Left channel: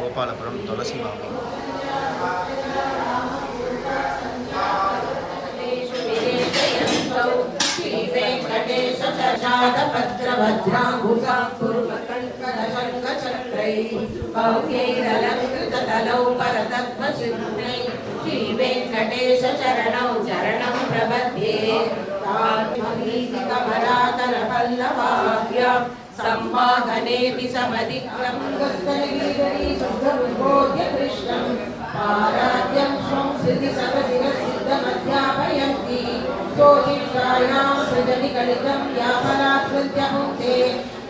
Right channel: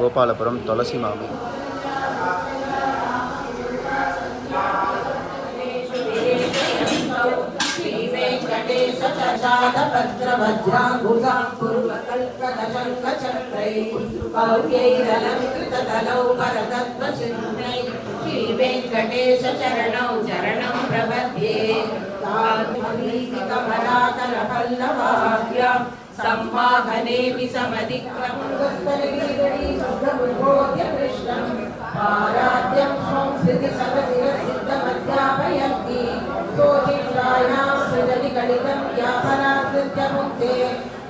கோபாலபுரம் துளசி மாமி. वेंकटेश चरणौ चरणं प्रपद्ये कमलाकर पल्लवाभ्यां सम्वाहनेऽपि समधिक्रमस्तरीगरीशुद्धमुद्बोध्य कृष्णं आराध्यं स्वं सिद्धिसकसिद्धमध्यापयन्ति सोऽचित्रायां सृजनिकलितं व्यापराकृत्य मुक्ते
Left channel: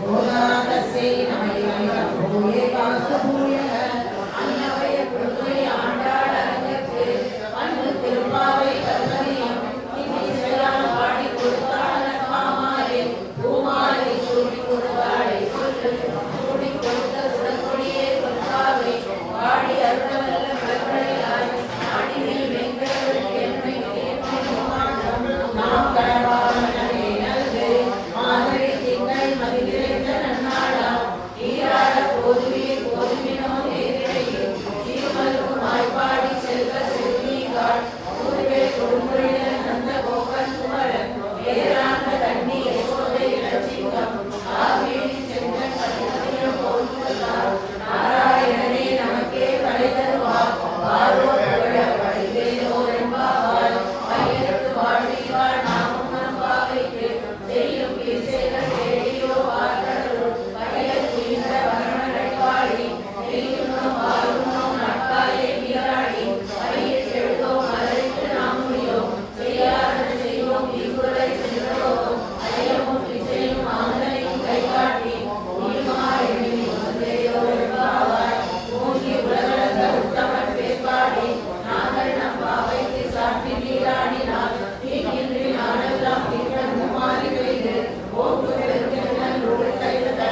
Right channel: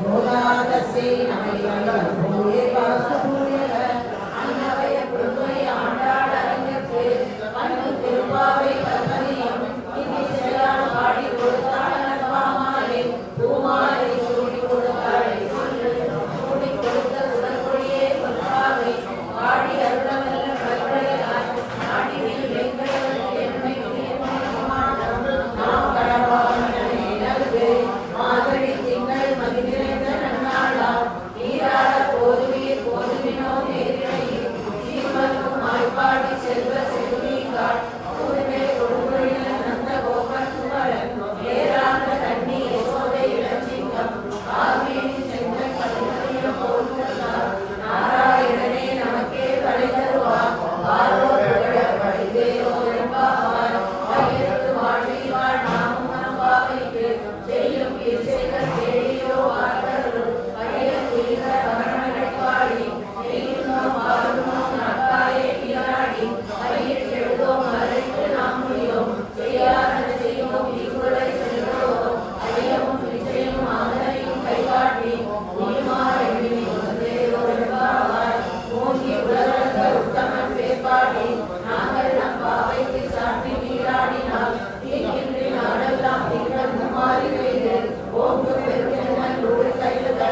भोदादस्यै नमैलं भूये वास्तु भूयः अन्नवय गुरुमय आण्डाळरङ्गते पन्नु तिरुपाவை கர்மணியம் இனிசையால் பாடி கொடுத்தான பாமாரே பூமாலை சூடி கொடுத்தாளை சூடி கொடுத்த சுடற்கொடியே கொள்ளாவை பாடி அருளவல்ல கற்களையாய் நாடினில் வெங்கடவன் எம்மை நாம் கடவானே நல்கு மாதவி திங்கள் மகிழ்ந்த நன்னாளா ஈராட போதுவீர் போதுவினோ நேரிடையில் தீர்மலுக்கும் ஆய்பாடி செல்வ செல்வீங்காள் கூறுவே கொடுமுறையில் நந்த கோபன் குமரன் ஏராண்ட கண்ணி யசோதை இளச்சிங்கம் ஆர்மேனி செங்கன் கலிதனையும் போல்கிறார் நாராயணனே நமக்கே படை தருவார் பாரோ புகழ படிவேரோ என்பாவார் கையெழுத்து வாழ்வீவாள் நாமும் நம்பாவைக்கு செய்யும் கீர்சைகள் தேடியோ ஆற்றலும் கையல் உயிர வரணடைவாளி நெய்யுமோ வாருமோ நட்பாயே வீராடி கையில் எழுதோ மறைத்து நாம் முடியோம் செய்யாத செய்வோம் இங்குளை செல்கிறோம் ஐயமும் விஜயும் ஆதனையும் கைகாட்டி நீமாறி ஒன்றேயோ என்பாவாய் மூங்கி உலகளந்த உத்தமன் பேர்பாடி நாங்கள் நம் பாவைக்கு சாட்டி நீராடினால் தீங்கின்றி நாடெல்லாம் தீங்கள் மும்மாறி பெய்து ஓங்கு பெருக்கினல் ஒரு கைழுத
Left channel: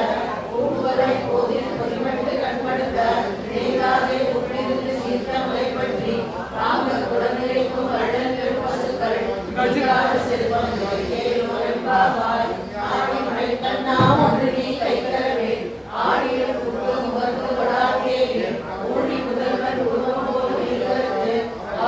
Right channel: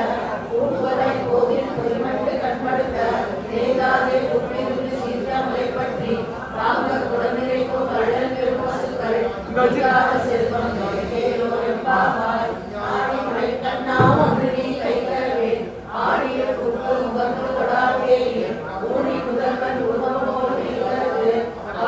பூம்பதை கோவில் பொறிமட்டு கண்படுத்த தேங்காதே உப்பிருந்து சீர்த்த முறைப்பற்றி வாங்க குடநிலைக்கும் வள்ளல் பெரும்பசுக்கள் செல்வம் கேளோ என்பாவாய் ஆடி மழை தன்னாம் ஒன்று நீ கைக்கிறவே ஆடிய குத்து முகர்ந்து கொடாதேயே ஊழி முதல்வன் உருவம் போல் இருக்கிறது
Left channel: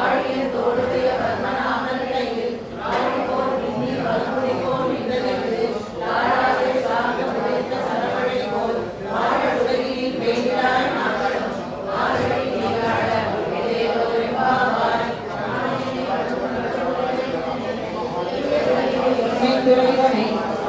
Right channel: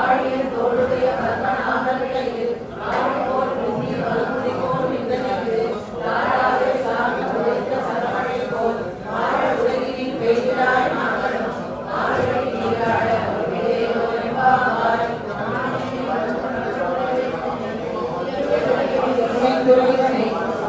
ஆடியன் தோளுடைய பத்மநாபன் கையில் ஆடி போல் புண்ணி வல்முடி போல் நின்றதற்கு தாராவே சாமி உடைத்த சரவணை போல் வாழ உலகில் பெய்கிறாய் மங்களம் வாழை நீராட உயிரேலோ என்பாவாய் துறைதனை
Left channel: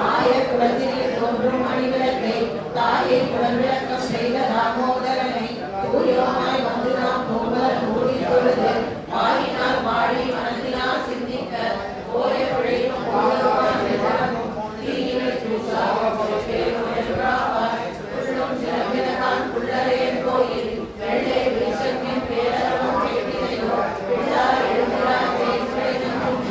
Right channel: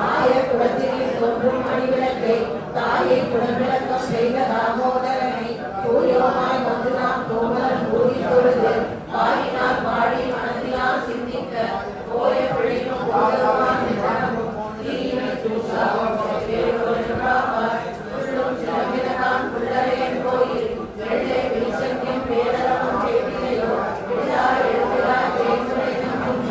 ஆய குலத்தில் தோன்றும் மணிவிளக்கை தாயை குடவிளக்கம் செய்த தாமோதரனை ஊயோமாய் வந்து நாம் கோமலன் ஊழி தொழுது வாயினால் வாழி மனதினால் சிந்திக்க ஓரை பிழையும் கோலமாய் நிதனமும் தீயினை தூசாவும் சிலம்பினகான் புள்ளரையன் கோயில் வெள்ளை விழிசங்கின் பேரளவும் கேட்டினையோ விழா எழுந்திரா தேய்முறை நன்றும்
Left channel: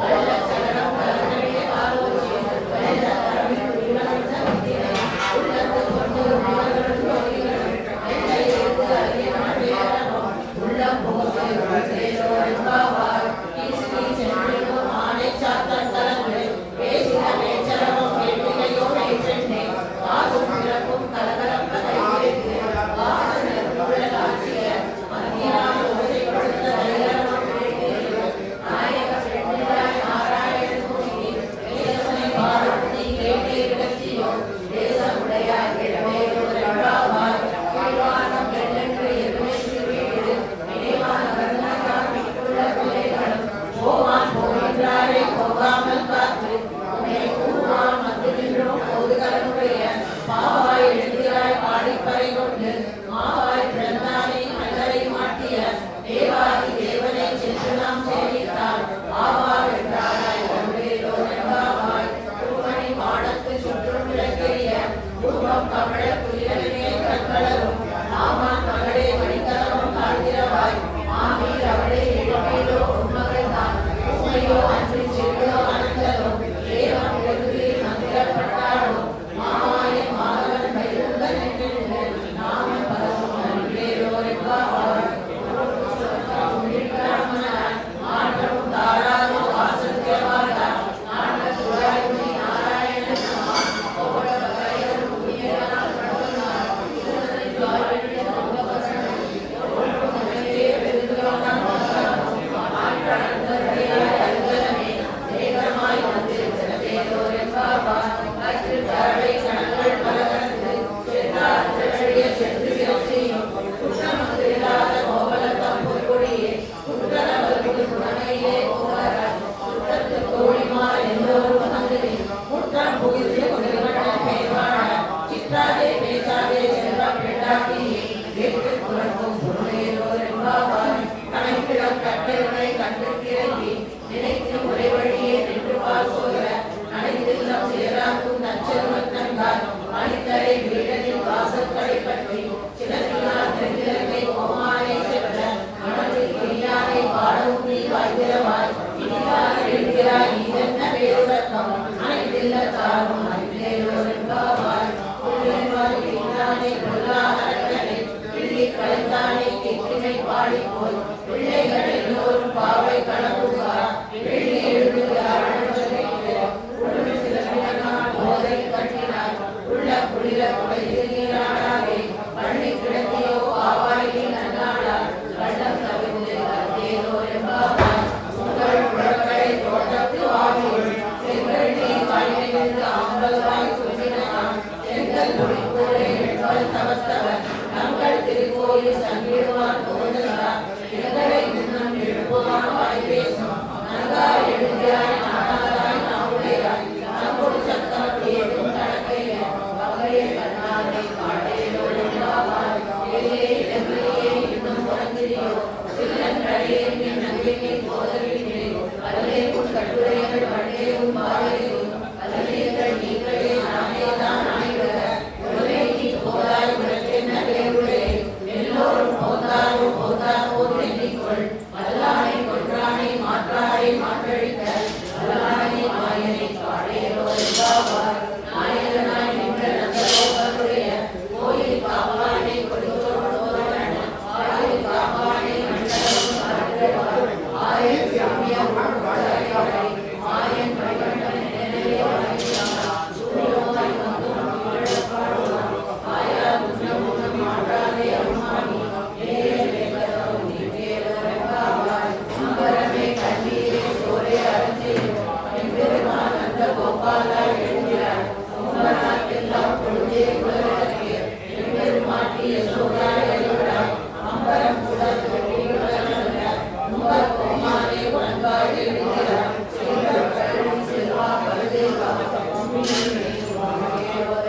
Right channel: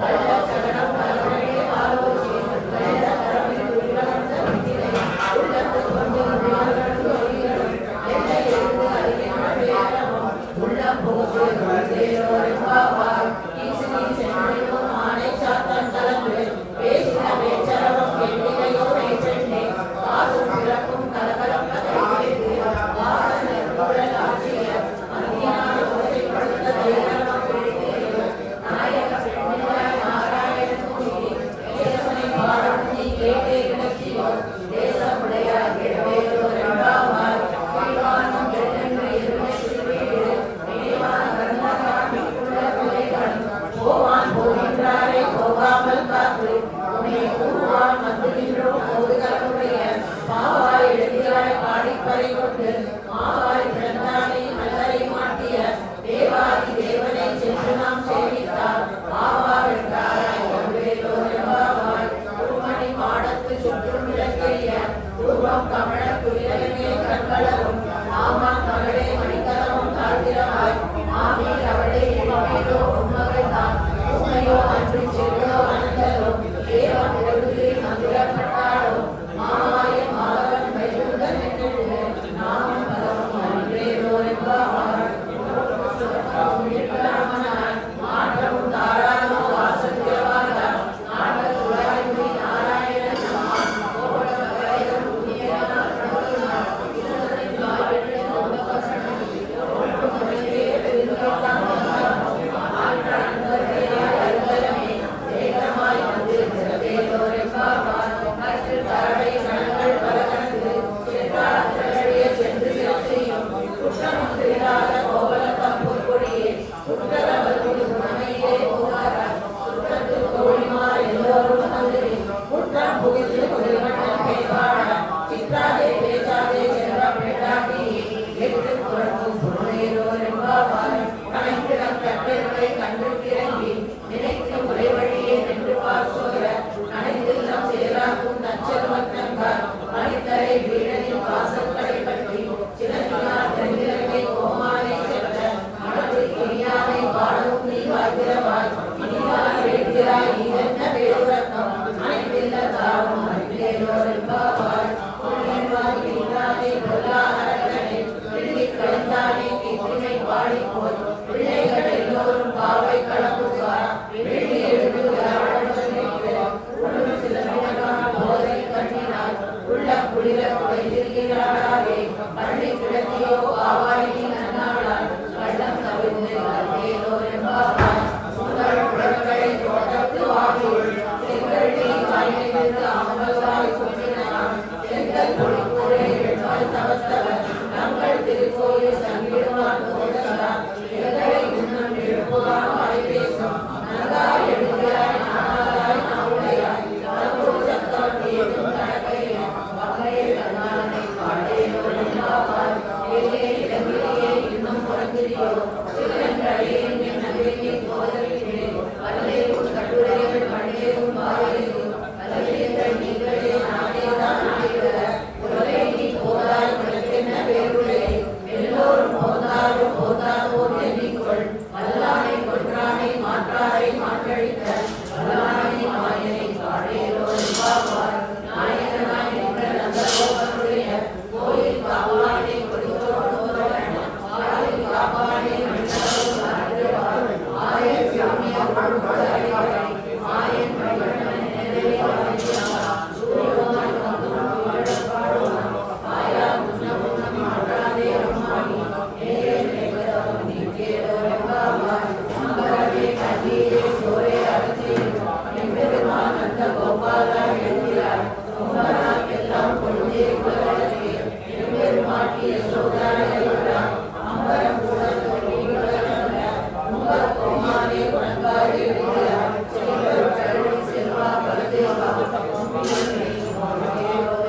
கள்ள சகனம் கலனையே ஆலோசி கலைத தரமில் உயிரிழந்த வித்தினை உள்ளத்து கொண்டு உமார்களும் ஜோதிகளும் வெள்ளை எழுந்து அறியினால் பேரளவும் உள்ளம் புகுத்து தேரோ என்பாவாய் ஈசினி சென்றையும் ஆணை சாத்தன் கலந்து பேசின பேச்சரவம் கேட்டினையோ மெய்ப்பெண்ணே காசும் பிறப்பும் கலகலம் கதை கேட்டு ஆசனர் குழல் ஆட்சியர் மத்தியான ஓசை கொடுத்த தைரணம் கேட்டேயோ நாயக பெண்ணினாய் நாராயணன் துணி தேசனை பாடும் நீ கேட்டே விளக்கியோ தேசமுடையார் கிழமையோ ரெண்டாவாய் கீழ்வானம் வெள்ளென்று எருமை வீடு நினைவான கர்ணகார் மிக்குள்ள பிள்ளைகளும் போவான் போகின்றாரே போகாமல் காத்து உன்னை கூறுவான் வந்து நின்றோம் போதுகளுடைய மாவாய் எழுதியாய் பாடிப்பறை கொண்டு மாவாய் பிறந்தானை நல்லரை மாட்டிய தேவாதி தேவனை சென்று நாம் சேவித்தார் ஆவார் என்றாராய் ஒன்றேலோ என்பாவாய் உண்மணி மாடத்து சுற்றும் விளக்கெரிய ரூபம் கமழ குதிரனே கண்களரும் ஆமாம் மகளே மணிக்கலமும் தாழ்கிறவாய் மாமீர் அவளே எழுமேலோ உண்மகள் தான் உண்மையோ அன்று செல்லோ அனந்தரோ ஏவம் எழுதி பாடவும் நீ வாய்க்கிறவாய் இனிதான் எழுகிறாய் இதென்ன வேறுரத்தம் அனைத்தில்ல தாரும் அன்பேலோரென்பாவாய் புள்ளின்வாய் இல்லாதே பொல்லா அரக்கனை பிள்ளி கலைந்தானே கீர்த்திமை பாடிப்போய் பிள்ளைகள் எல்லோரும் பாவை கலப்புவார் வெள்ளி எழுதுகிறார் உள்ளும் சிலவினகான போதை கட்டினாய் உள்ள குளிர குடைகிறாளாகே பள்ளி கிடத்தியோ பாவாய் நீ நன்னாளாய் பள்ளம் தவிர்த்து அன்பேலோரென்பாவாய் உங்கள் குழந்தைகளை தோட்டத்து வாவில் செங்கல் நீ மலையிலிருந்து அம்பல்வாய் சொன்னினான் செங்கல் பொழிப்பூரை எழுமல் தவத்தவர் தங்கள் திருக்கோயில் சங்கிடுவான் போதனார் எங்களை இன்னும் எழுப்புவான் வாய் பேசும் நன்கா எழுதியாய் நானாய் நாவுடையாய் நம்பும் சத்தம் ஏதும் கணக்கையே வகையை கண்ணாலை பாடேலோரென்பாவாய் ஏழே இடங்களிலே இன்னும் புறந்திரியோ சில்லன்றடியேன் என் நம்பிக்கை போதவில்லை அல்லேவும் கட்டுரைகள் பண்டேவும் பாவையிலும் அல்லேங்கள் நீங்களே நானேதான் ஆய்வர உறவை நீ போதாய் உனக்கென்ன பேருடைய எல்லோரும் போந்தாலும் போதாவோர் எண்ணிக்கொள் வல்லானை கொன்றானை மாற்றாரை மாற்றழித்த வல்லானை மாயனை பாடேலோரென்பாவாய் நாயகனாய் நின்ற நந்தகோபனுடைய கோயில் காவானை கொடுத்தோடோதவன் ஆயில் காவானை மண்டலம் மறந்தவாய் ஆயன் சாமியார் கொடுத்தாய் ஆயன் வழிகண்டன் நேரே வாழ்கிறார் சூரியோதன் வந்தும் இழப்பாடுவான் ஆயா முன்னமுன்னம் மாற்றாதே அம்மானி நேரே வேகதவும் நீக்கேலோரென்பாவாய் அம்பரமே கண்ணீரே சோரே அருந்தேன் எம்பெருமான் அந்த கோபாலா எழுதியார் கும்பனாக்கெல்லாம் பொழுதே குலவிளக்கே எம்பெருமாட்டிய சோதாய் அறிவிடார் அம்பரம் கூட தொட்டி குலவிளக்க உங்கள் கோமாரே உனக்காய் எழுதியார் செல்வர் கல்வி செல்வா பலதேவா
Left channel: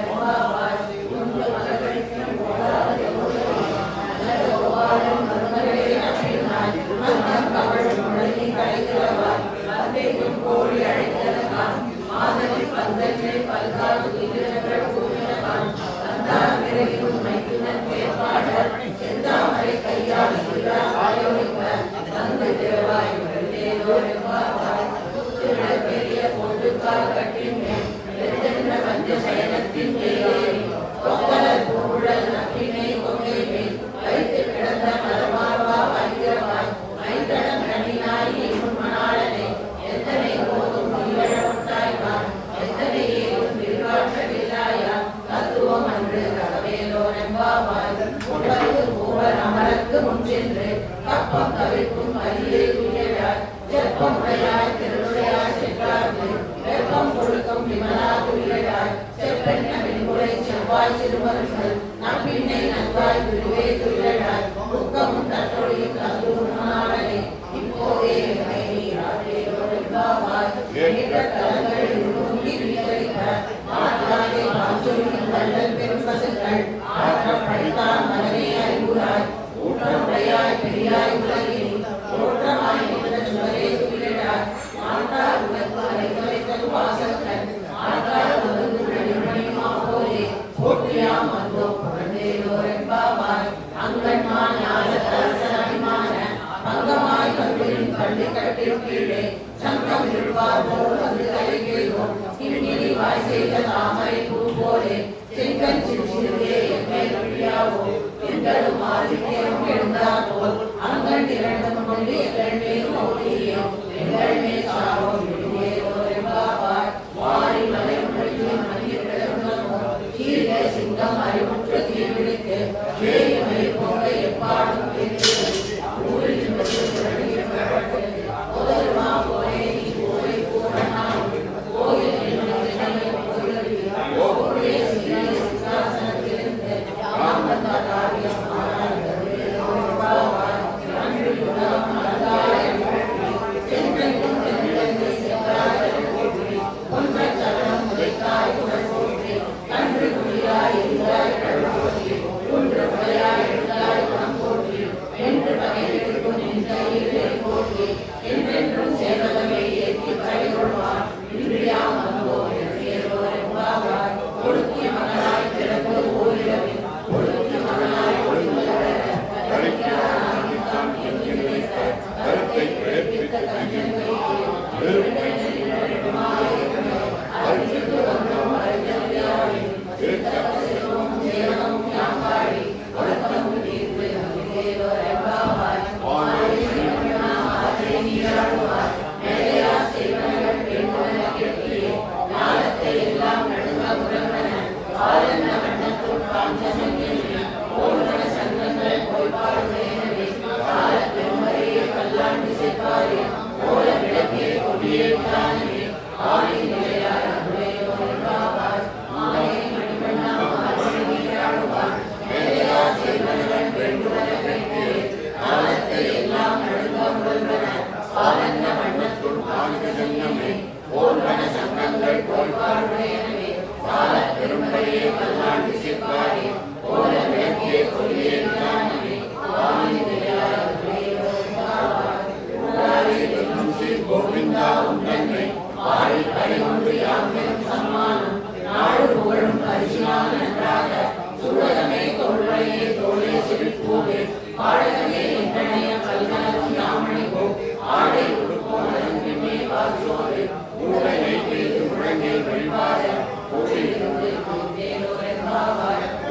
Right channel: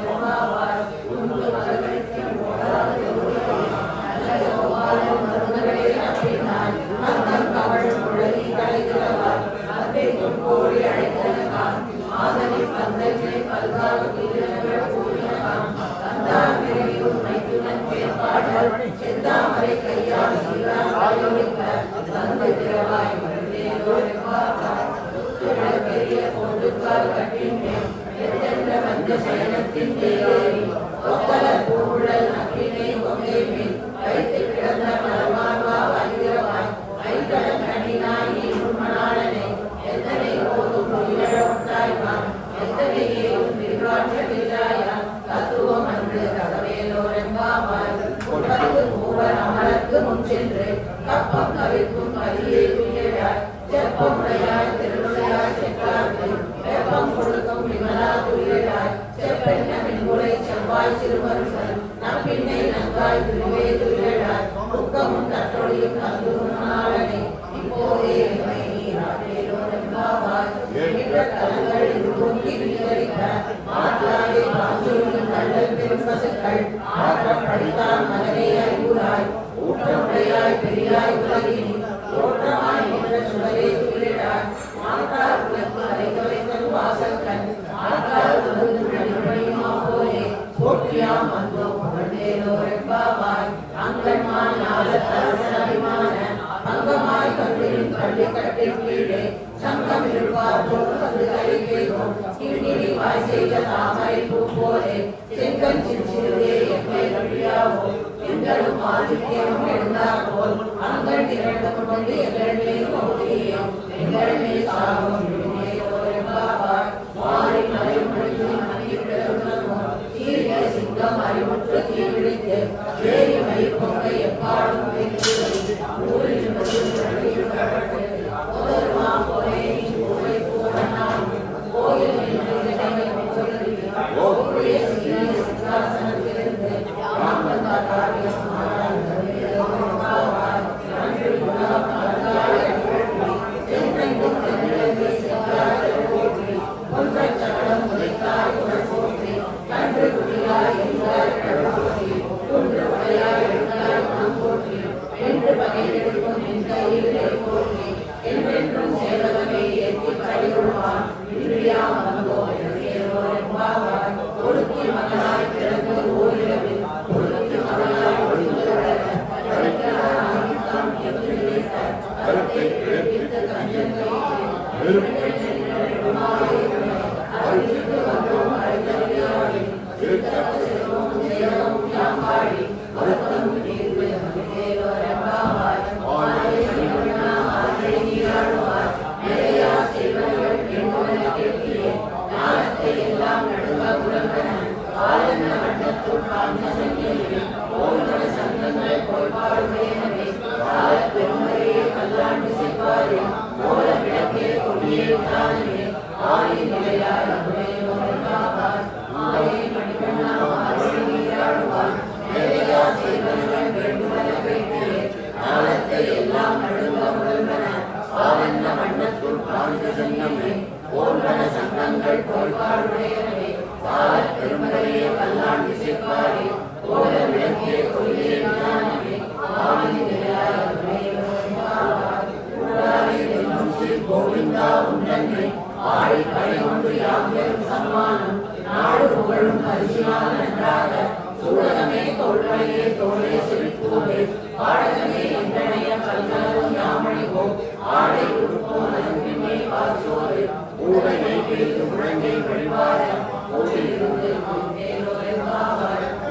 என்பாவாய் உங்கள் மகளுக்கு நல்ல கோபாலன் மருமகளே அப்படின்னாய் அந்த கவள் குழலி கலைக்கிறவாய் அத்தைக்கும் கோழி அழைத்தனகான் மாதனை பந்தனை பல்காடு உயிரினங்கள் கூறினகான் தந்தான் விரைவிலும் மைத்துனன் பேர்பாடல் செந்தாமரை கையால் ஆயோனிக்க தந்து திரவாய் மருந்தேலோரென்பாவாய் முத்துடல் பெரிய பொண்டுக்கால் கட்டின்மேல் எத்தென்ற வந்த சயனத்தின் தேரேறி கொத்தலர் பூங்குழல் நக்கினை கொங்கை மேல் வைத்து கிடந்த மலர்மார்பா வாய்கிறவாய் மைத்தடம் கண்ணினாய் நீ உண்மனாளனே எத்தனை போதும் உயிரிழந்தாய்வான் எத்தனை ஏதும் விரிவாற்றவில்லாயான் தத்துவம் அன்று தகவேலோரென்பாவாய் உட்பந்து பூவர் அமரக்கு முன் சென்று கப்பம் தவிர்க்கும் மதியை துயராய் செப்பம் உடையாய் திருவுடையாய் சென்றார்க்கு வெப்பம் கொடுக்கும் விமலா துயராய் செப்பெண்ண பின்புலை செவ்வாய் சிறுமருங்கள் நம்பின்னை நன்றாய் துருவே துயராய் துக்கமும் தற்றொழியும் தந்து உண்மனாளனே இப்போதே என்னை நீ ஆற்றேலோரென்பாவாய் என்ற கலங்கள் தூங்கி விநியோகிக்க மாற்றாதே மாஞ்சொல்லின் நல்லல் பெரும் பசுக்கள் ஆற்றம் படித்தான் மகனே அறிவுராய் ஊற்றமுடையாய் பெரியாய் உலகினி தோற்றமாய் நின்ற சுடரே துயிலாய் மாற்றார் உனக்கு அரைத்துரைத்தல் வாசக்கன் மாற்றார் உலகு நடிமணிமா போலே போற்றியாம் வந்தோ புகழ்ந்தேலோரென்பாவாய் அங்கன்மான் ஞாலத்தரசனாய்மான அங்கமாய் கல்வியின் பள்ளி கட்டின் கீழே சங்கம் இருப்பார் போல் வந்து கை கேட்கும் கிண்ணிரி வாய் செய்த தாமரை பூ போலே செங்கன் சிறுசிறுவே எம்மை வழியாவோ எங்களும் ஆதித்யம் எழுந்தார் போல் அங்கன் இரண்டும் கொண்டு எங்கள் மேல் மோதியே எங்கள் மேல் சாபம் விழுந்தேலோரென்பாவாய் மாறி மலை முழுகி மணியிட்டதும் கீழே சிங்கம் அறிவுற்று தீவிழித்து ஏறி மணி போங்க எப்பாடும் பேச்சு ஊரில் போதருமா போலே நீ போலை போடலாம் கோயில் நின்று விடமை போலே சிங்காசனத்திலிருந்து யாமந்தாரியம் கருத்தை கோவிந்தா உன்னன்னை பாடி பயின்று யாரும் சம்மானம் நாடு புகழும் பரிசினால் நன்றாக சூழகமே தோல்வழியே தோழே சிரிப்பூவே பாடகமே என்றனைய கல்கலவும் யாமணிவோம் ஆடை உடுப்போம் அதன் பின்னே வாசோடு ஊடை நெய்வேது முழங்கை வழிபாட ஓடியிருந்து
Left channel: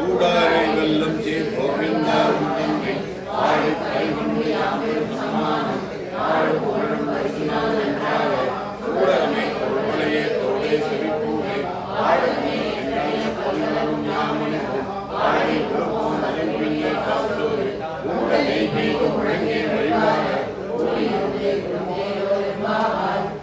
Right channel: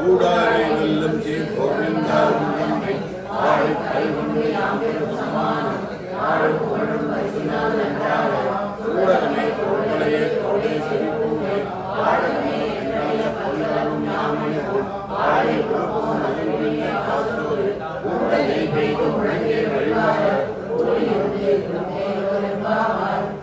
ஊடாரை வெல்லும் சீர் கோவிந்தா உன்னன்னை பாடி பயின்று யாரும் சம்மானம் நாடு புகழும் பரிசினால் நன்றாக சூழகமே தோல்வழியே தோழே சிரிப்பூவே பாடகமே என்றனைய கல்கலவும் யாமணிவோம் ஆடை உடுப்போம் அதன் பின்னே வாசோடு ஊடை நெய்வேது முழங்கை வழிபாட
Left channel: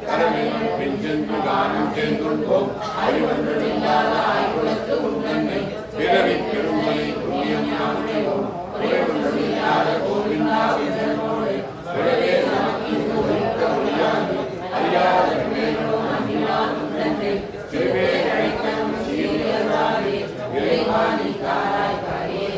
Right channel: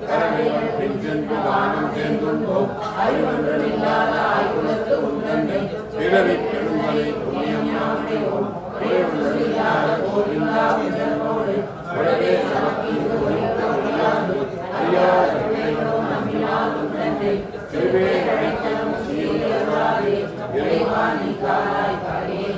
கரவையும் பின் சென்று கானம் சென்றுள்ளோம் அறிவொன்றுமில்லாத ஆய்வுலத்து உன்னன்னை பிறவி பெருமலை புண்ணியம் நாமையோம் பிறவொன்றுமில்லாத கோவிந்தாவினோடு உடவே நமக்கு ஒழித்த ஒழியாது அறியாத வினைகளோ நம்பினால் உன்னன்னை திருவே அழைத்தனும் சீரியராகே இறைவாணி காலாய் கரையே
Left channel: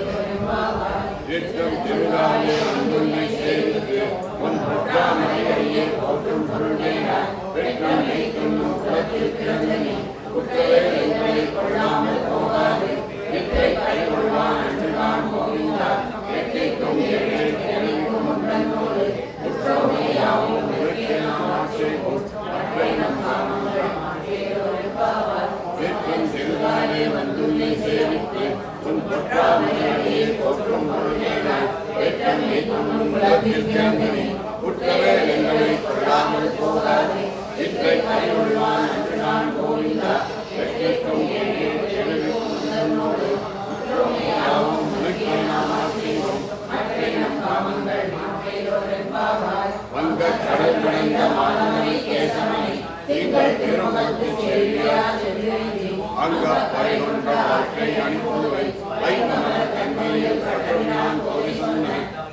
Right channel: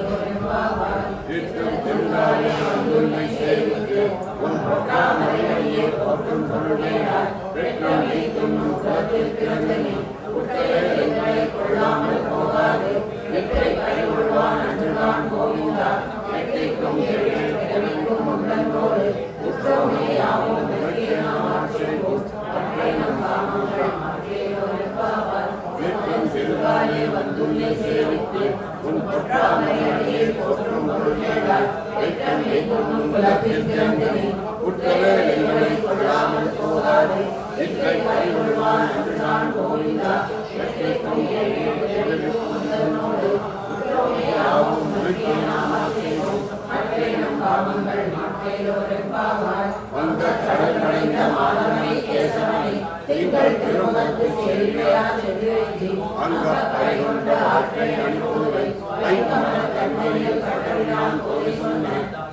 திருத்தம் திருவாயே வந்துள்ளை சேர்த்து உன் பொற்றாமரையே போற்றும் பொருளேனாய் வெட்கம் நீத்துண்ணும் குலத்தில் பிறந்தனே குட்டையை எங்களை கொள்ளாமல் போகாது வெற்றை பறிகொள்வான் அன்று நான் கோவிந்தா வெற்றிக்கும் ஏழை கிழமைக்கும் உடனோடு உற்றோமே யாவும் வெற்றியை நாம் ஆட்சேபோம் மற்றை நம் காமங்கள் மாற்றேயோரென்பாவார் வெட்கம் திருவாயே வந்துள்ளை சேவித்து உன் பொற்றாமரையே போற்றும் பொருளேனாய் வெட்கம் நீத்துண்ணும் குலத்தில் பிறந்தனே குட்டையை எங்களை கொள்ளாமல் போகாது வெற்றை பறிகொள்வான் அன்று நான் கோவிந்தா வெற்றிக்கும் ஏழை கிழமைக்கும் உடனோடு உற்றோமே யாவும் வெற்றியை நாம் ஆட்சேபோம் மற்றை நம் காமங்கள் மாற்றேயோரென்பாவார் வந்த கடல் நனைந்த மாதவனை கேசவனை திங்கள் திருமுகத்து செல்வியா செல்வி அங்க படை கொண்ட ஆற்றை அனுப்புவை வைத்தமன தன்மையில் கடலினான் போய் சொன்ன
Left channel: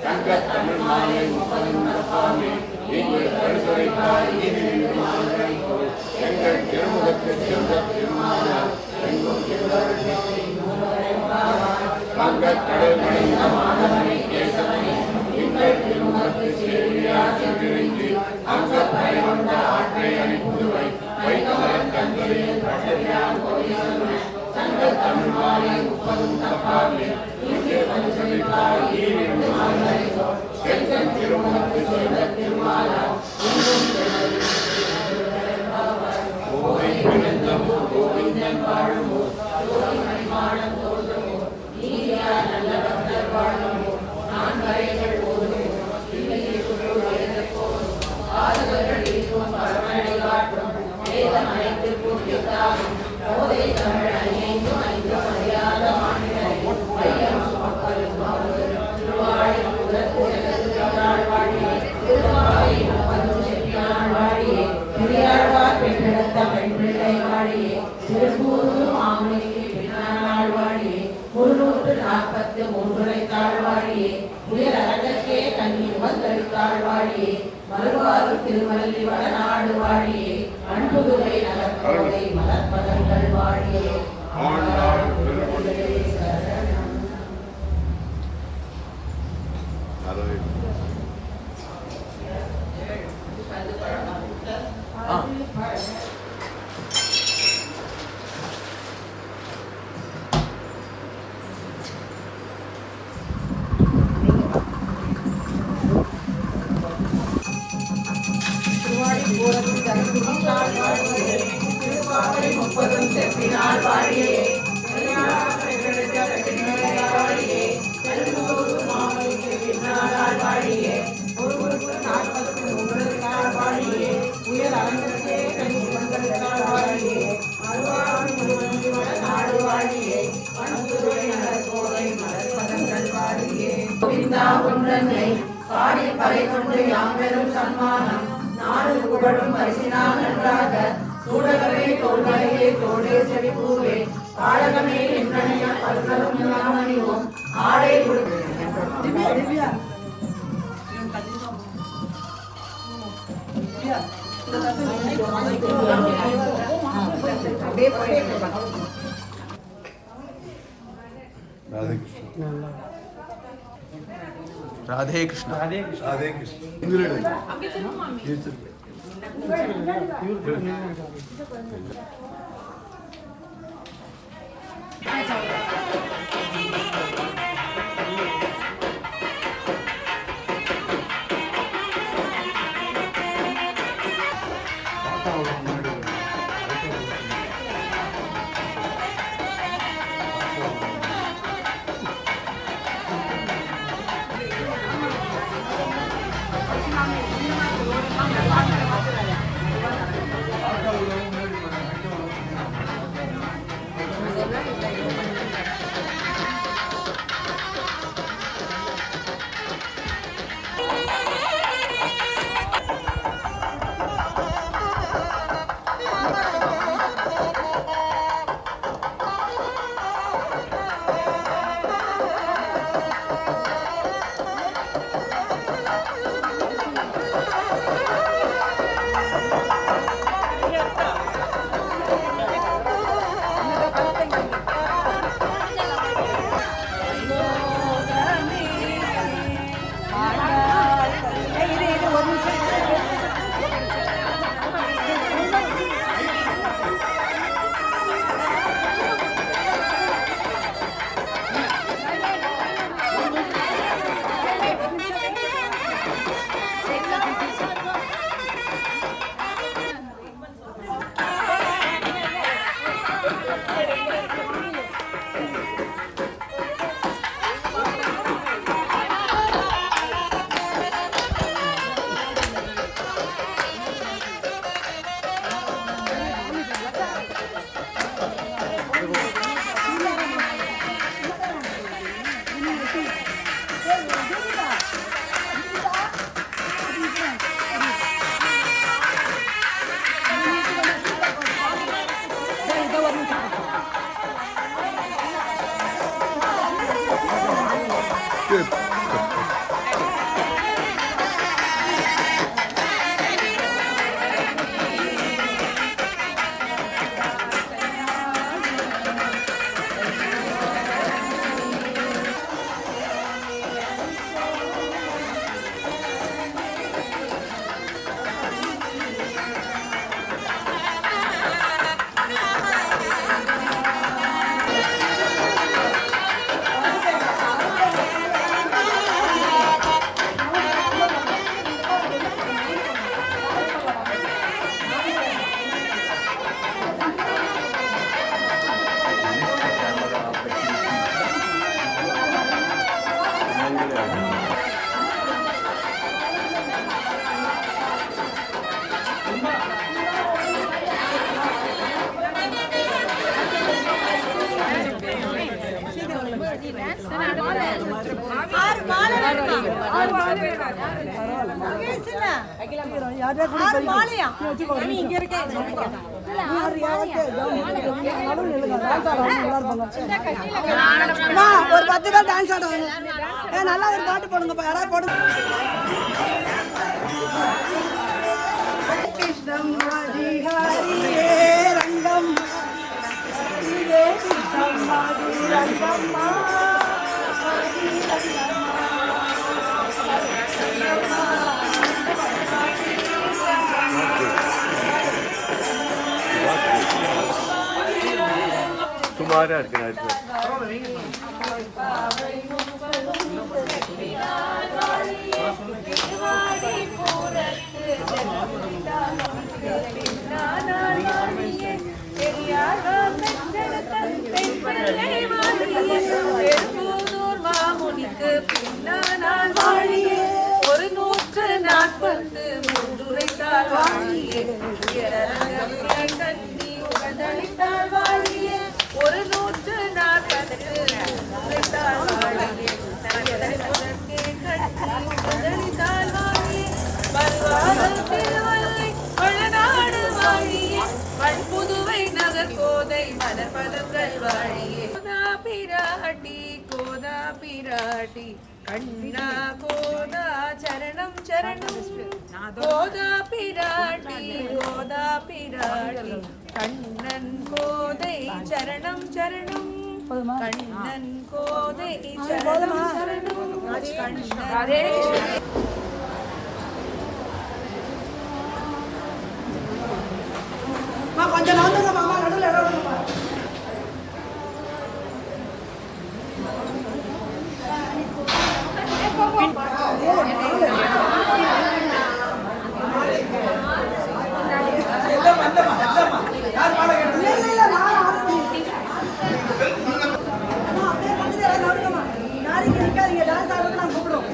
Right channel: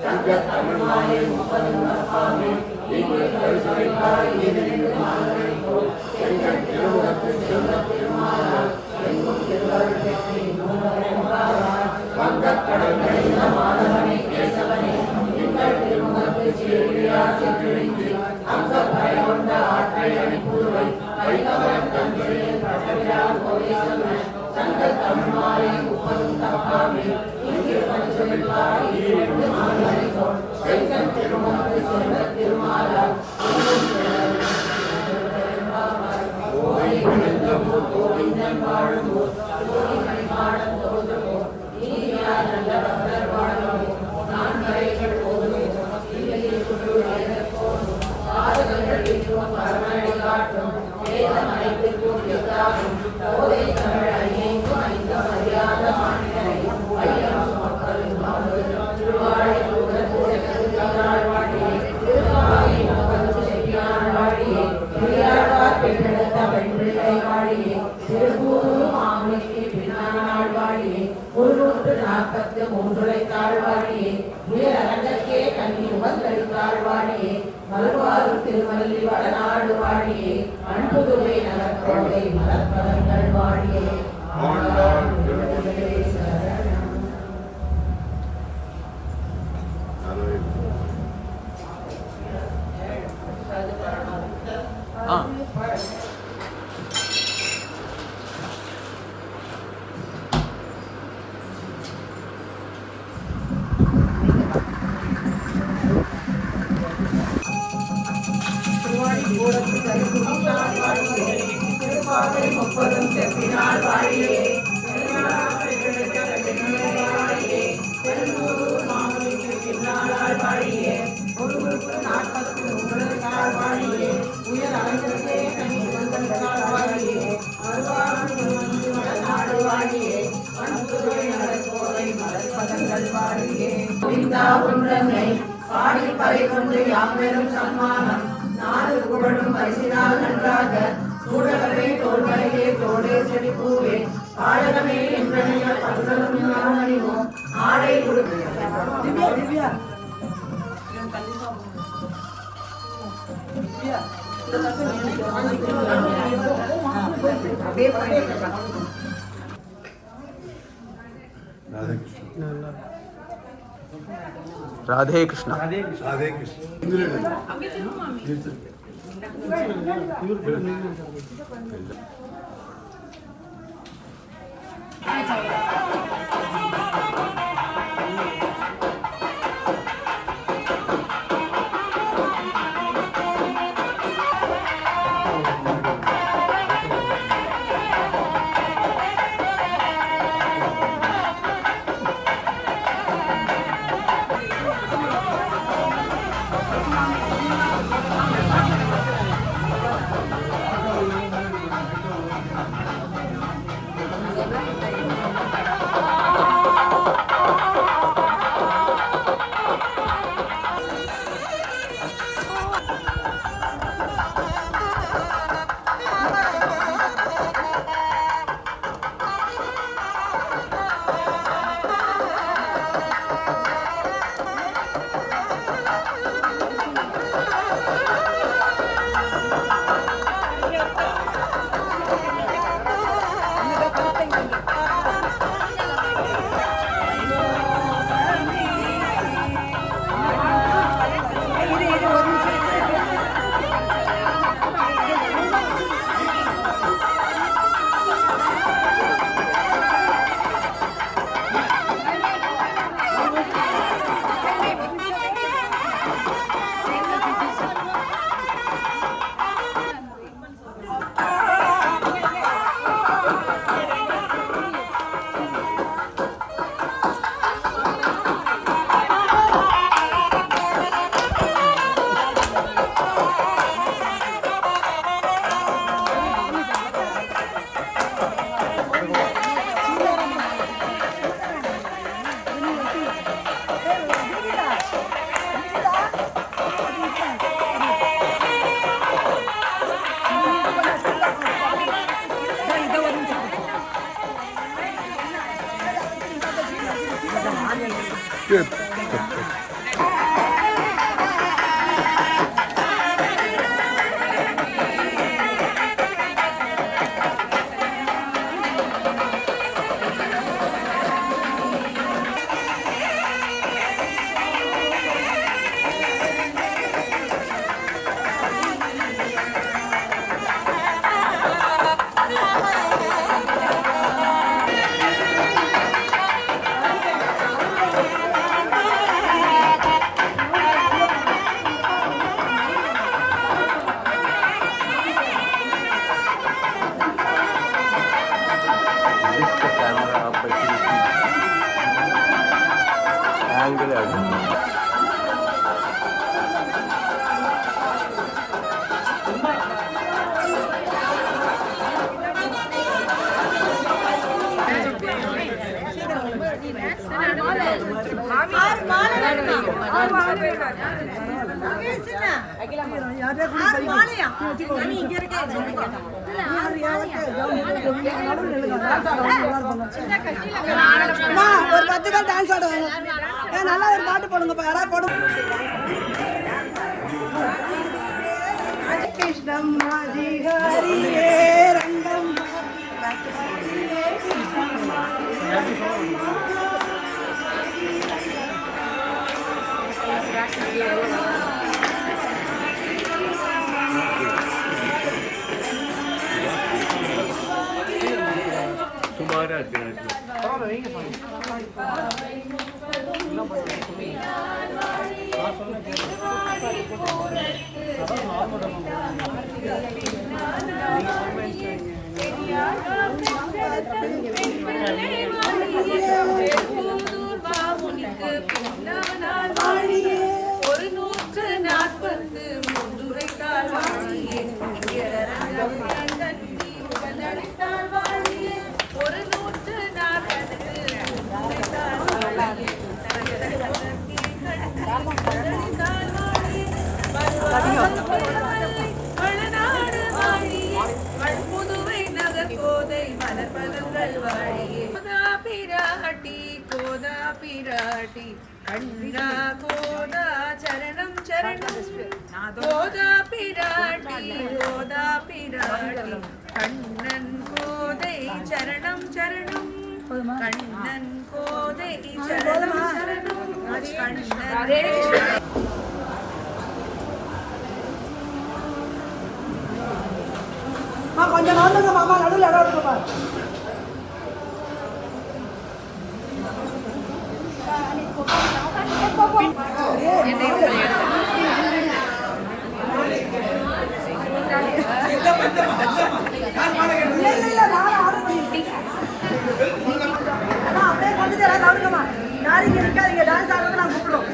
தங்க தமிழ் மாலை முப்பதும் நப்பாமே இங்கே கருசுரைப்பால் இங்கிருந்து மாதவனைக்கோ எங்கள் திருமுகத்து செல்வ திருமாலால் எங்கும் வங்க கடல் நனைந்த மாதவனை கேசவனை திங்கள் திருமுகத்து செல்வியா செல்வி அங்க படை கொண்ட ஆற்றை அனுப்புவை வைத்தமன தன்மையில் கடலினான் போய் சொன்ன தங்க தமிழ் மாலை முப்பதும் தப்பாமே இங்கே கருசுரைப்பால் இங்கிருந்து மாதவனைக்கோ எங்கள் திருமுகத்து செல்வ திருமாலால் கோவிந்தன் வாழுமோ ஜோதி மணிமாடம் தோன்றுமோ நீதியார் நல்ல பக்தர் வாழுமோ நான் கரைகள் போதுமோ இல்லையே சுற்று வயதற் போதும் பாதகர்கள் இருக்கும் பரமனை காட்டும் வேதம் அனைத்து கூட்டியதாகும் போதை தமிழ் ஐயைக்கும் ஐந்தும் அறியாத மாநிலரை வையம் சுமப்பதும் திருவாழை வாழியே திருவாவை முப்பதும் செப்பியான் வாழியே பெரியாழ்வார் பெற்றெடுத்த பெண் பிள்ளை வாழியே திருப்பூரும் ஆமணிக்கு பின்னாள் வாழியே 343 தாழ்வாழியே உயர் அரங்கற்கே கண்ணி உகந்தளித்தாள் வாழியே மறுவாரும் திருமல்லி வடநாடு வாழியே அன்புதுரை நகர்கோவை மலர்பதங்கள் வாழியே ஊரத்து கருத்துவிட்டால் வாழியே திருப்பாவை 30 செப்பினால் வாழியே வாழியே பெருந்தூர் மாமணிக்கு பின்னாள் வாழியே ஒருவருக்கு 40 உங்களுக்கால் வாழியே உயர் அரங்கத்தே கனி உங்களுக்கால் வாழியே நாடு வாழியே பண்புரை நகர்கோவை மலர்பதங்கள் வாழியே கோவிந்தா உன்னை பாடி பறை கொண்டு யாம் பெறும் சம்மானம் நாடு புகழும் பரிசினால் நன்றாக சூடகமே தோல்வலையே தோடே செடிப்பூவே பாடகமே என்றனைய பல்களும் எல்லாம் அணிவோம் ஆடை கொடுத்து राधे कृष्ण राधे कृष्ण Good. ஒரு 10 பேர் டான்ஸ் ஆடுவாங்க. நல்லா ஒரு பாட்டு போடுங்கப்பா, யாராவது போடுங்க. கிருஷ்ணம் அதிகாரியே ரங்கம் तुम्हारे புதுவை நகர் கோதை மலர்பதங்கள் வாழியே பிராட்டி கோதா பிராட்டி கண்ணா கோதா சரணம் சரணம் கோதா பிராட்டி கண்ணன் கோதை சரணம் சரணம் கண்ணன் கோதை சரணம் சரணம் கண்ணன் கொஞ்சம் நோந்துங்க மாமா நடுவில் இடம் விடுங்கம்மா. அப்படியே கொஞ்சம் இடம் கவனிங்கம்மா. நாளைக்கு இருக்காதீங்க டான்ஸ் ஆடுறது நான் கூப்பிடுவோம்.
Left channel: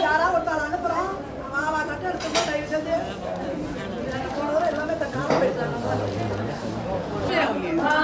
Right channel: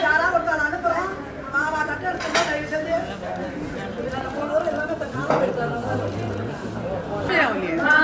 யாரா ஒருத்தாள் அனுப்புறோம் மாவா தட்டு எடுத்துக்கோ தயவு செஞ்சு எல்லாமே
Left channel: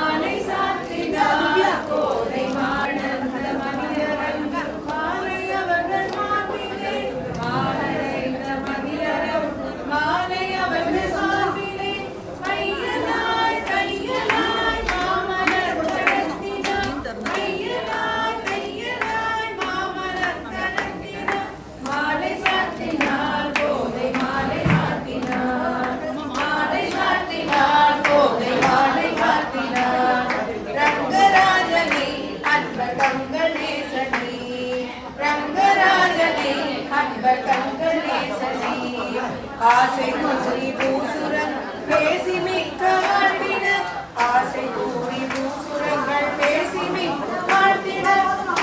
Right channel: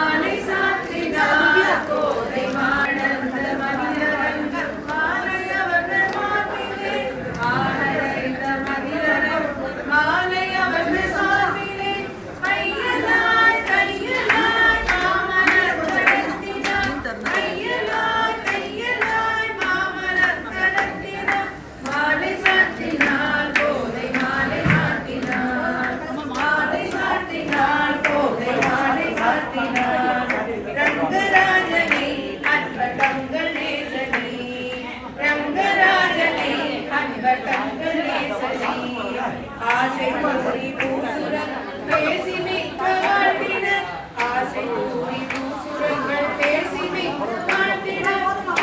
ஆசை கூறி பூசுரன் பேசி மிக்க காட்டின ஆசை கூறி பூசுரங்கள் பேசி மிக்க காட்டின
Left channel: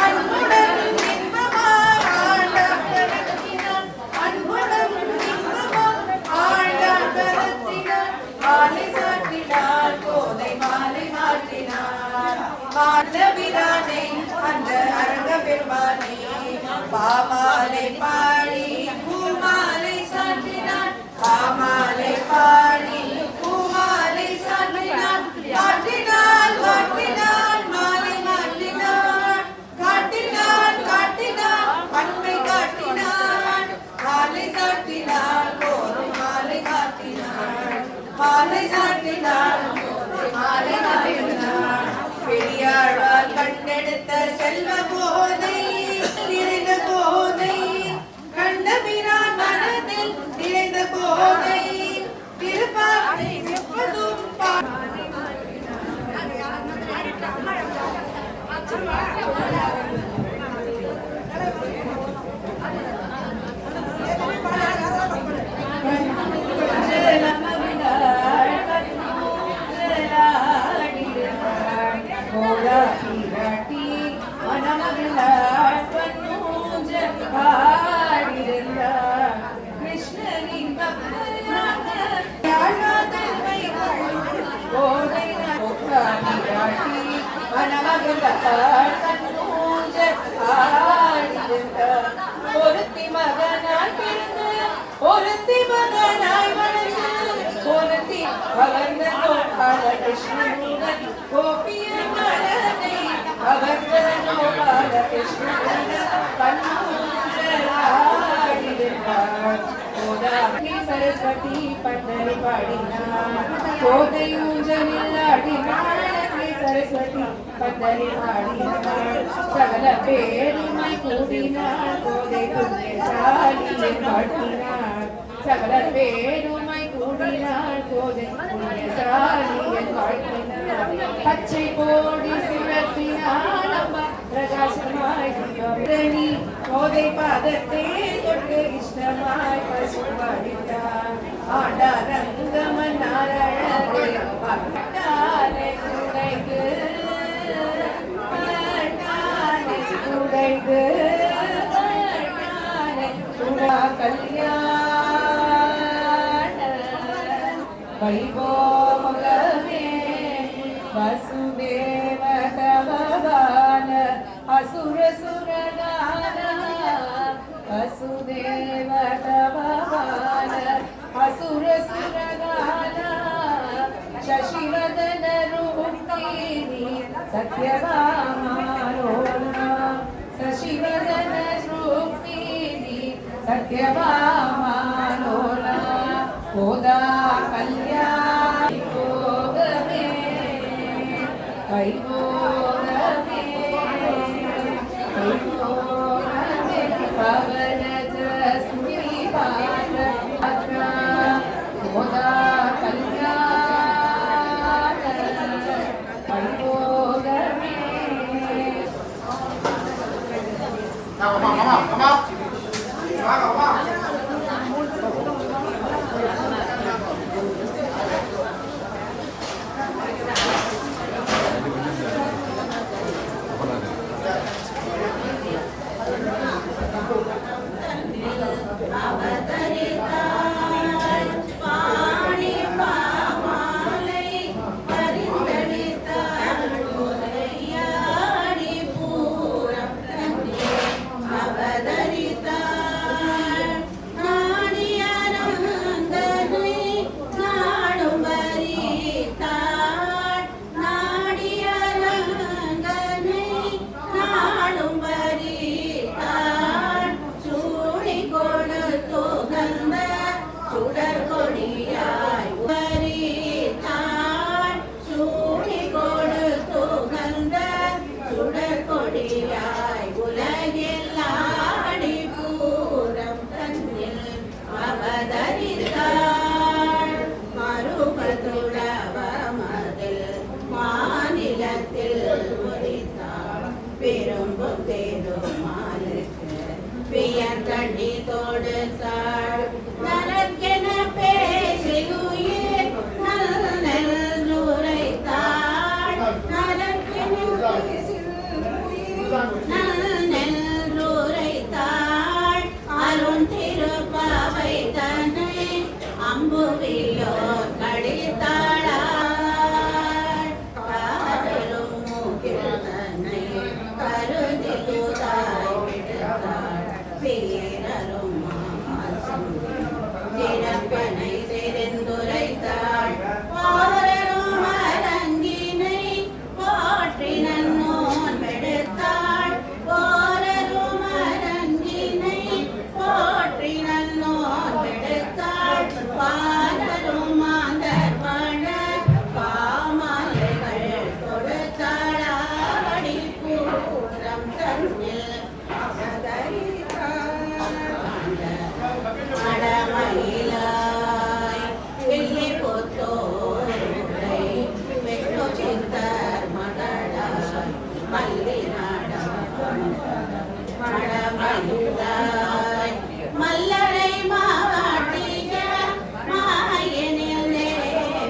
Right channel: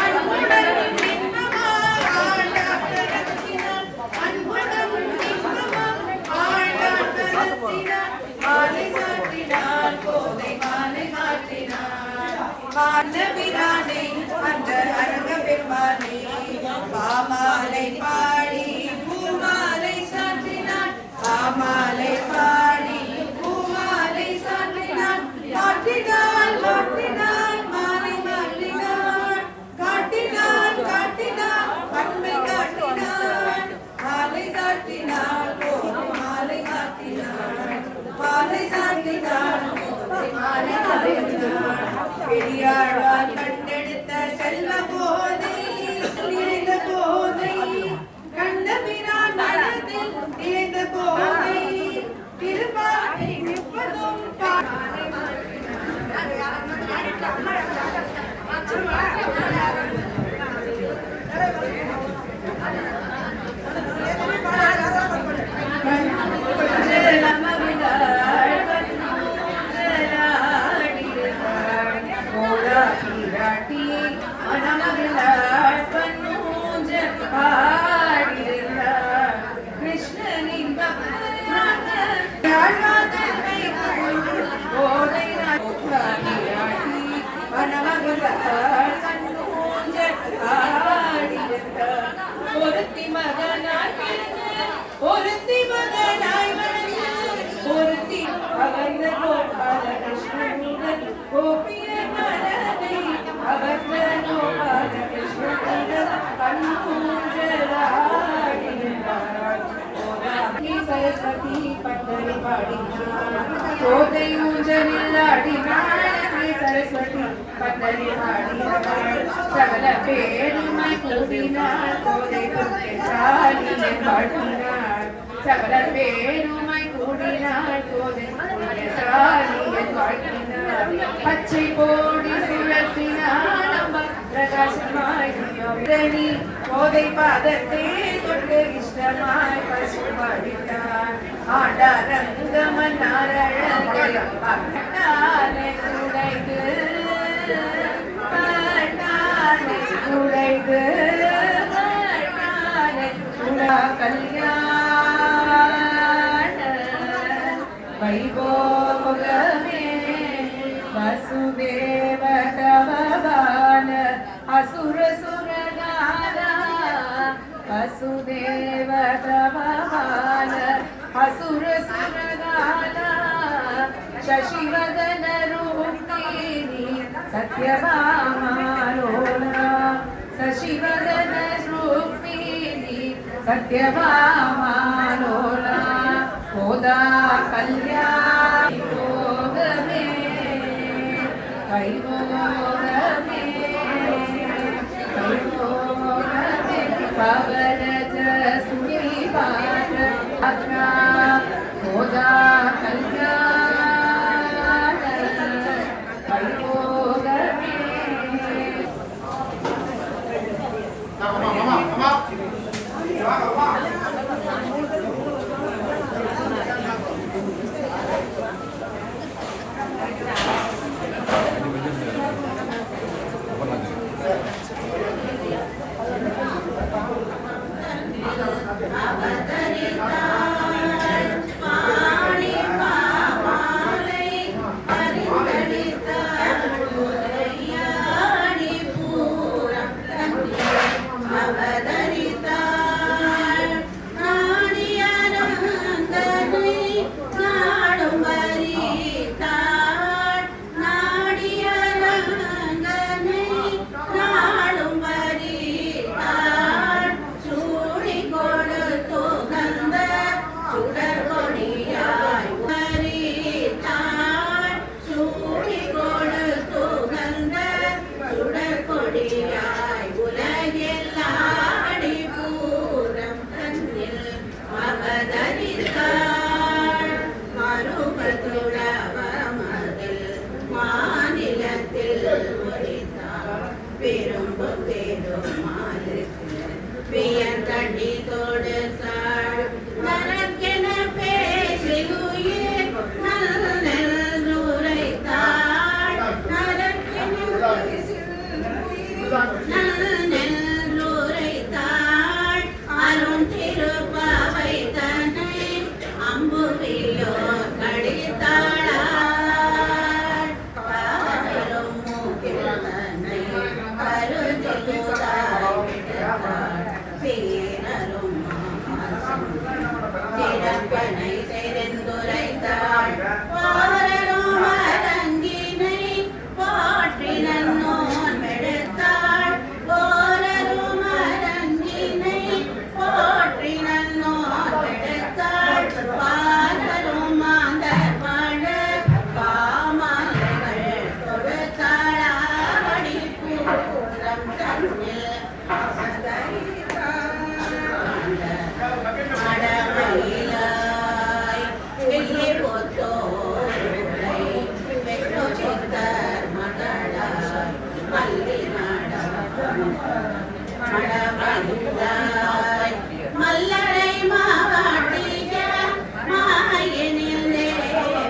அன்புடன் இன்பமாய் ஆண்டாக நடத்தினான் அன்புடன் இன்பமாய் ஆண்டாக நடத்தினான் மாலை சாற்றினான் கோதை மாலை மாற்றினான் ஆண்டவிரானை அந்த அரங்க பெருமானை பாமாலை பாடி பூமாலை சாற்றினான் பாமாலை பாடி பூமாலை சாற்றினான் காட்டினான் காட்டினான் மாலை மாற்றினான் காட்டினான் காட்டினான் அன்பை காட்டினான் மாலை சாற்றினான் கோதை மாலை காட்டினான் மாலை சாற்றினான் மாலை காட்டினான் பெரியாழ்வார் கண்டெடுத்த செல்வ போதை நிறைந்த போதை கண்டபிரான் மனதில் நிறைந்த போதை திருப்பாவை எப்பதும் ஒருத்தி மகனாய் ஒருத்தி கவர்ந்த நோக்காத கிருஷ்ணனுடன் கோபிய மனதை கவர்ந்த நோக்காத கிருஷ்ணனுடன் சரஸ்வதி பட்டரை பாடினார் கோதை ஊஞ்சலில் ஆடினாள் சரஸ்வதி பந்தலில் ஆடினாள் சகல பேருமை கூடினாள் கோதை சாலியை பாடினாள் சகல பேருமை கூடினாள் கோதை சாலியை பாடினாள் பச்சை கோடி சுழற்றினாள் அம்மா பிரகாசமாய் கோதை பாதத்தை தொட்டு இஷ்டமாய் பசுபடித்தாள் ஆடாரங்கமன் உடைந்து கல்யாண வைபோகமே வசுதேவ தவபால அசுர சுரகால வசுதேவ தவபால அசுர சுரகால शशिवदन रूपिणी सत्यभामालोला शशिवदन रूपिणी सत्यभामालोला गोदा कल्याणी भोगमे वैभोगमे वैभोगमे पवनज सुनिपात गोदा தண்ணி தொடுத்தாள் நனக்கென பேசியுயிர் நல்லுரைத்தாள் நனக்கென நல்லுரைத்தாள் அருண் திருப்பாவை தன்னை அம்புவிலோ கடித்தாளாள் காதலும் மூக்கில் தன்னை கருதி தூதாய் விடுத்தாள் பேரரும் சிறப்பனை தெரிந்துரைத்தாள் பாரரும் அரங்கினை போற்றி நன்னோன் எடுத்தாள் போரரும் அரங்கினை போற்றி நன்னோன் எடுத்தாள் பாரரும் மாந்தர் பழ பாமலைகள் தொடுத்தாளாடி பூரம் தன்னில் மடமயிலாய் வெள்ளி போத்தோரை வெற்றோ சித்தர் மகளாய் மல்லி மடமயிலாய் மல்லரை மாவாட்டிய மாயனில்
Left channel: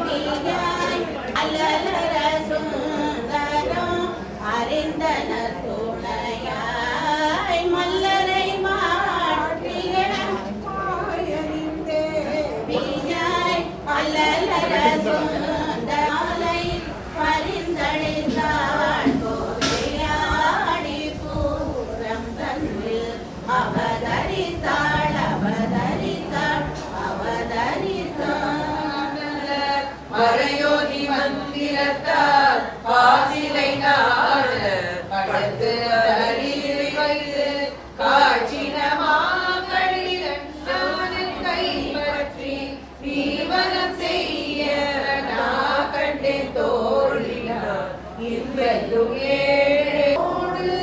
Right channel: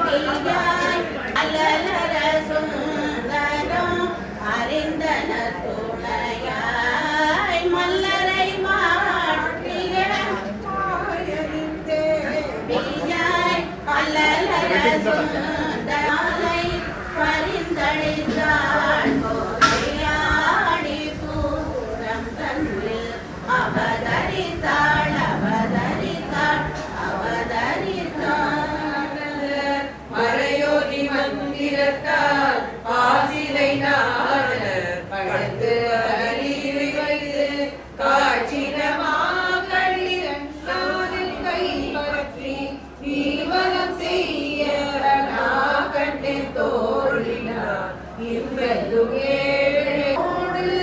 தேவியாய் அல்லலர சுந்தரம் அறிந்தன துணையாய் மல்லரை மாட்டிய அல்லலர சுந்தரை பரிந்தளித்தாள் கோதையாடி பூரம் தன்னில் அவதரித்தாள் அவதரித்தாள் அவதரித்தாள் மறையோதி மந்திரத்தால் ஆசிலை நாட கடந்து அறிவி வைத்து காட்சினமாக்களின் கை பற்றி தீவனம் செய்ய கண்டே தோழினார் இவ்வெல்லும் ஏழோடு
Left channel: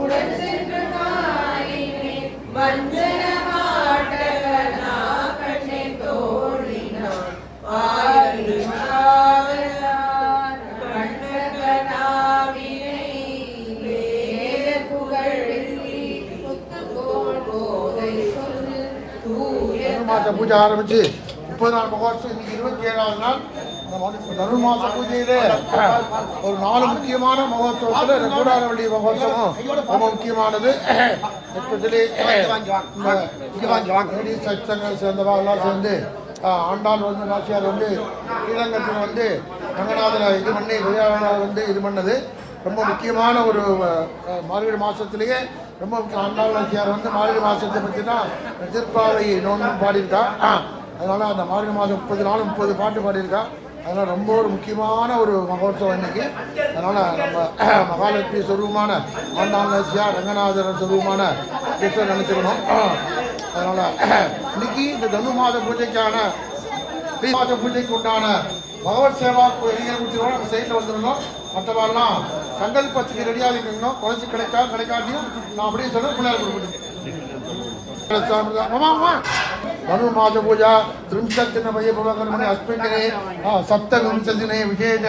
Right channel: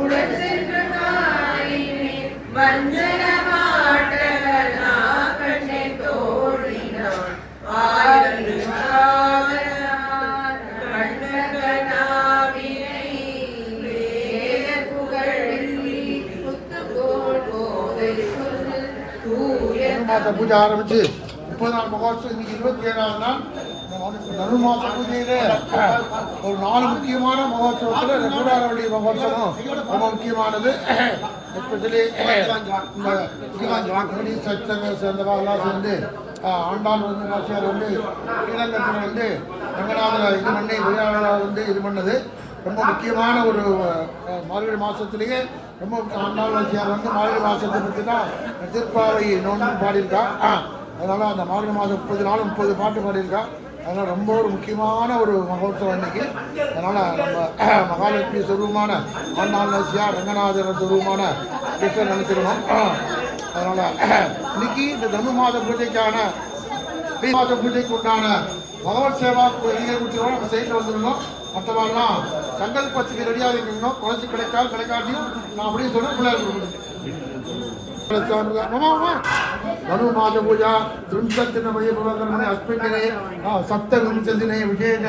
உடன் சென்ற நாயினே வஞ்சன மாட்டகனா கண்டே தோழினார் ஆயரு கண்டகனாவினை வேத புகழி புத்துக்கோள் போதை சொல் தூய மாத பூஜை ஆரம்பிச்சு 30 நாள் மகோத்சவம். இன்னைக்கு 27வது நாள். தனுர்மாச பூஜையில ஒரு 4 முக்கியமான மகோத்சவத்துல இந்த கூடாரவள்ளி மகோத்சவம் ரொம்ப முக்கியமானது. எஸ்பெஷலி இந்த சச்சங்க சேர்ந்தவா எல்லாம் சேர்ந்து ஆண்டாள் வந்து நாச்சியார் வந்து ஸ்ரீரங்கத்தில் வந்து ரங்கநாதரை இது பண்ணி விளையாட வந்து இது பண்ணது ரொம்ப முக்கியமான ஒரு மார்கழி மாதத்துலேயே ரொம்ப ஆண்டாள் நாச்சியார் வந்து மார்கழி மாதத்தை பற்றி தான் திருப்பாவை நோன்பு பாடியிருக்கா. அதனால் அந்த மார்கழி மாதம் 30 நாள் 30 பாட்டு பாடியிருக்கா. அதனால் ரொம்ப ஒரு முக்கியமான ஒரு மகோத்சவம் இன்னைக்கு. அதனால் நம்ம மகாலட்சுமி சொரூபமான ஆண்டாள் நாச்சியார் ரங்கநாதர் சொரூபமான ஈஸ்வரர் நினைச்சுக்கணும். அதனால் இன்னைக்கு இந்த தனு மாத பூஜைக்கான மாத பூஜைக்கு உண்டான பகவத் சேவா எங்கள் குடிச்சோம் நம்ம சைட்டில் வந்துடணும். மற்றவாள்லாம் சங்கல்பத்துக்கு ரெடியாக இருக்கணும். குறைச்சி கிடைக்காட்டியும் நான் அப்படின்னு சொல்ல பிள்ளையார் கொடுக்கணும். மனு மாத பூஜா त्रिंशत्दिन वैभवकर्मणे अस्मिन् दिने सप्तविंशतिदिने विशेष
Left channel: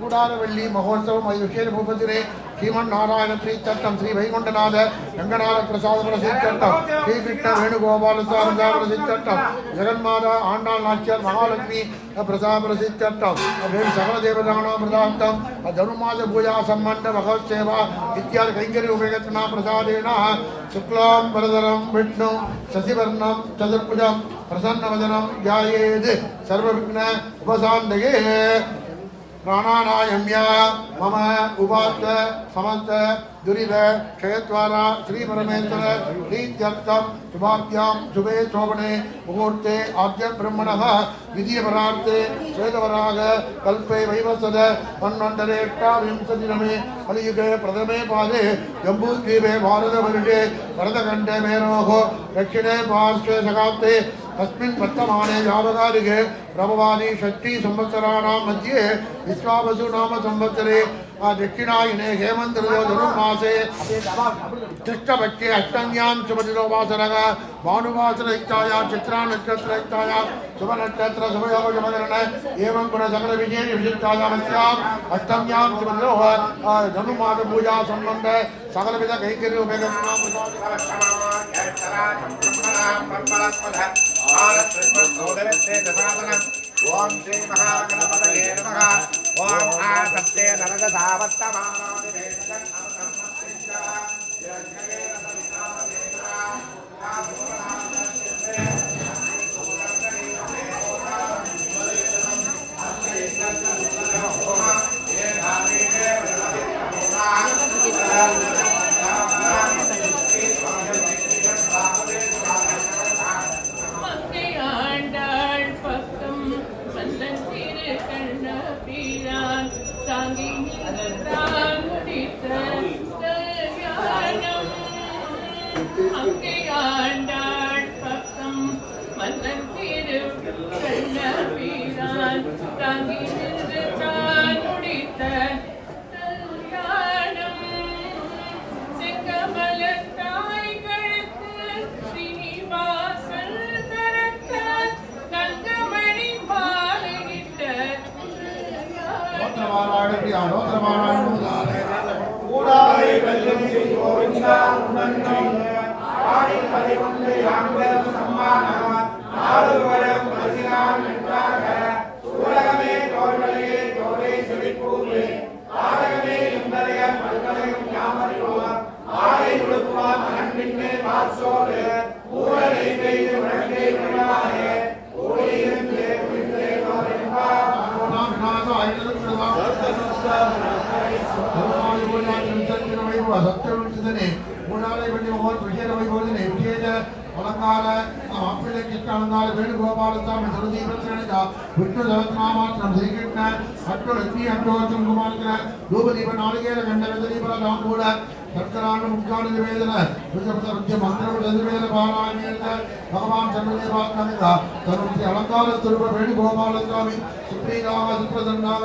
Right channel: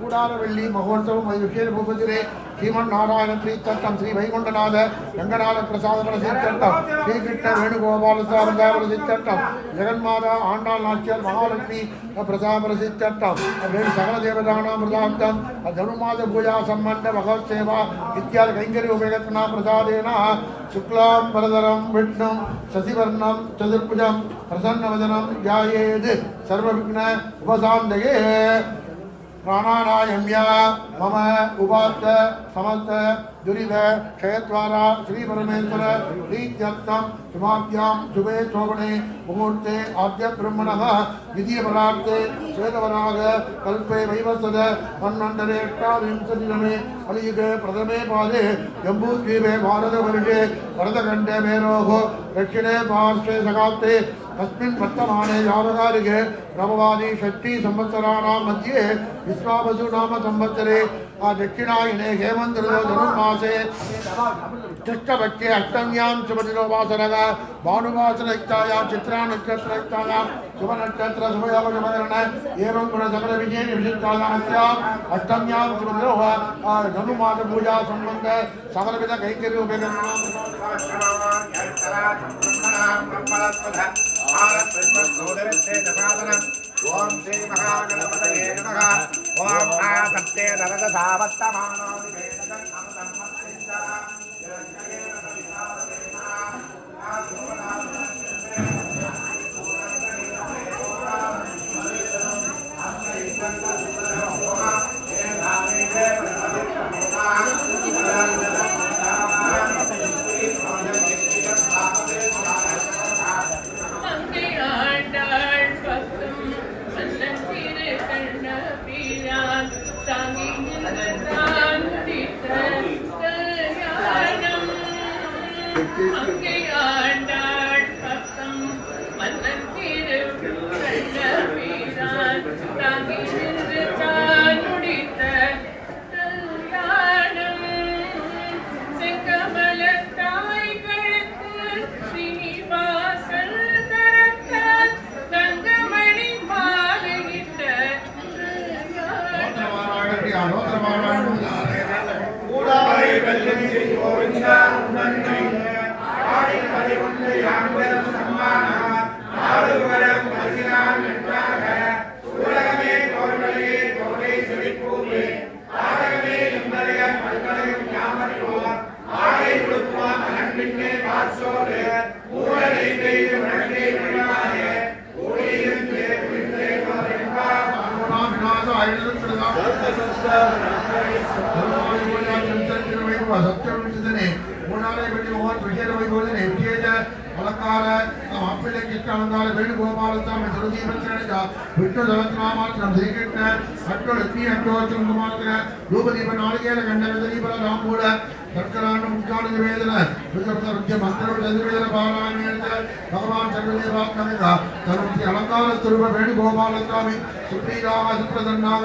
கூடாரவள்ளி மகோத்சவம் விசேஷ பூபதிரே ஸ்ரீமன்னாராயண பிரீத்தட்டம் ஸ்ரீ வைகுண்டநாத ரங்கநாத பிரசாத பிரசித்தட்டம் ஸ்ரீகிருஷ்ண வேணுகோபால சாரதா பிரசித்தட்டம் ஜெகன்மாதா ஆண்டாள் நாச்சியார் மகாலட்சுமி பிரசாத பிரசித்தட்டம் வேறு சகல தேவதானாம் பிரதாந்தம் தனுமாத பூஜா சம்பந்த பகவத் சேவா இத்தியாதி கைங்கரிய உபயோகத்தினா பிரசாதேன சுக்லாம் வரதரம் விஷ்ணு சசிவர்ணம் சதுர்புஜம் பிரசன்னவதனம் ஜாயேத் சர்வவிக்ன உபசாந்தகே प्राणानायम्या मम उपात समस्त दुरिद क्षयद्वारा श्री परमेश्वर प्रीत्यर्थम शुभाभ्यां शुभे शोभने मुहूर्ते आद्य ब्रह्मणः विधियपरार्थे श्वेतवराग कल्पे वैवस्वत मन्वन्तरे 8विंशतितमे कलियुगे प्रथमे पादे जम्बूद्वीपे भारतवर्षे भरतखण्डे मेरोः दक्षिणे पार्श्वे सकाप्ते तस्मिन् वर्तमाने यावकालिके प्रभवादि षष्ठी संवत्सराणां मध्ये विश्वावसु नाम संवत्सरे दक्षिणायने हेमन्त ऋतौ धनुर्मासे कृष्णपक्षे अष्टम्यां शुभदिनोपासनः भानुवासनयुक्तायां चित्रा नक्षत्रयुक्तायां शुभनक्षत्र शुभयोग शुभकरण एवं गुणसकलविजये विशिष्टायामस्याम् अष्टम्यां शुभदिनो धनुर्मास पूजा सम्बन्ध सकलविध कैङ्कर्योपयोगं ओम श्री महागणपतये नमः। ओम आसत्ते नरकसावत्तमानादि அலங்கார மாப்பிள்ளை கிட்ட அலங்கார வேணுகோபாலசாமி சுருதீபத்திரணிகா விஷ்ணு சகஸ்ரநாமாத்திரம் ஸ்ரீகிருஷ்ண அட்டொழுத்தி அட்டோச்சம் குமாரத்திர தூபதீப நாளிகேர கண்ட விததீப தாம்பூல சர்க்கராண்ட முக்கான நிவேதன ருத்ர மந்திர நிவேதன பாராயண பகவான் சர்வதேவாத்மகா தருத்தி அலங்கார துருவ வேணுகோபாலசாமி சுப்ரீகாக சுப்ரதன்னாக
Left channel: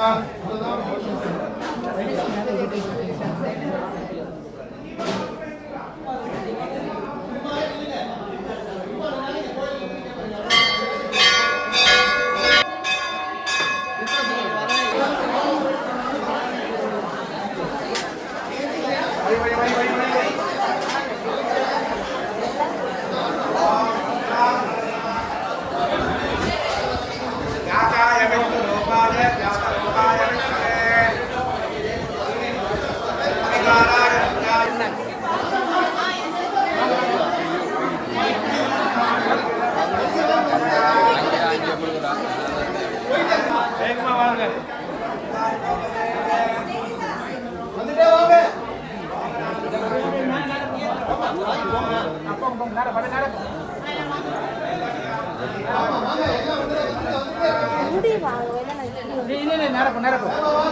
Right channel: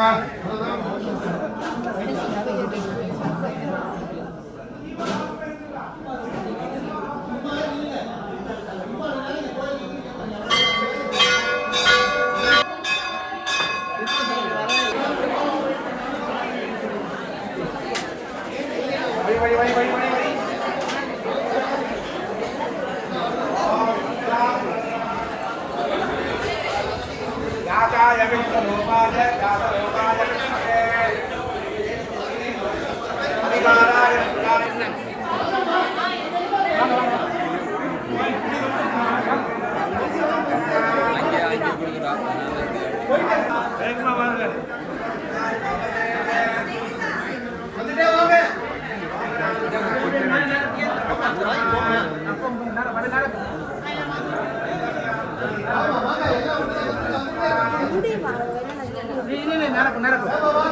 நடக்கும்